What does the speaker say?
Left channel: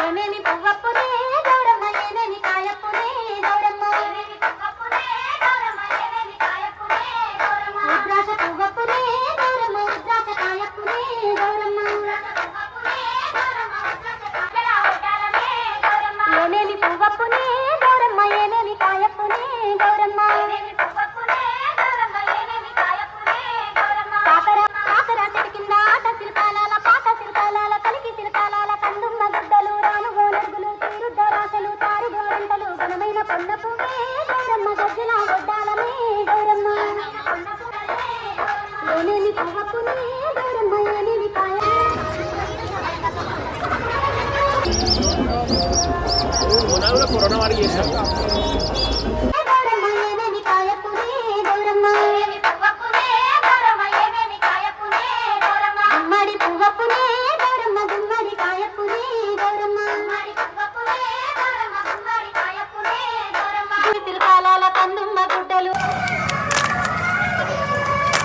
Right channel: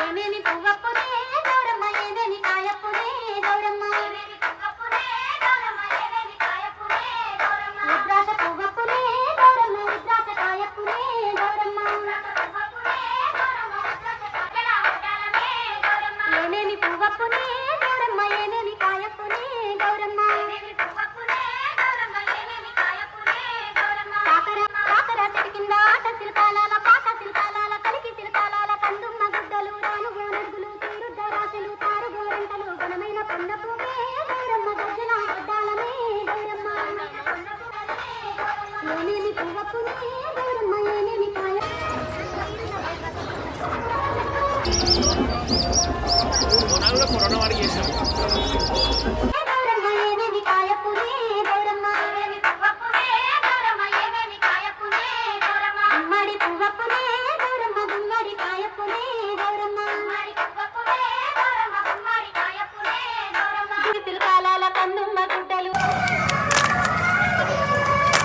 ఏమేమి పువ్వప్పుడే గౌరమ్మ ఏమేమి కాయప్పుడే గౌరమ్మ రుద్రాస పువ్వప్పుడే గౌరమ్మ రుద్రాస కాయప్పుడే గౌరమ్మ ఏమేమి పువ్వప్పుడే గౌరమ్మ ఏమేమి కాయప్పుడే గౌరమ్మ కాకర కింద ఆట శిల్పాల పాత శిల్పాల కలికి శిల్పాల కందుమ్మ గుడ్డలు రానుగో నడుగులు తీరుద్దరాశలు తారు గోరంటలు ఘనమైన పండ పువ్వే గౌరమ్మ గొడ్డిన గొడ్డాలమే గౌరమ్మ ఏమేమి పువ్వప్పుడే గౌరమ్మ ఏమేమి కాయ గౌరమ్మ ఏమేమి కాయప్పుడే గౌరమ్మ గుమ్మడి పువ్వప్పుడే గౌరమ్మ గుమ్మడి కాయప్పుడే గౌరమ్మ శిల్పాల కందున్న గుడ్డలు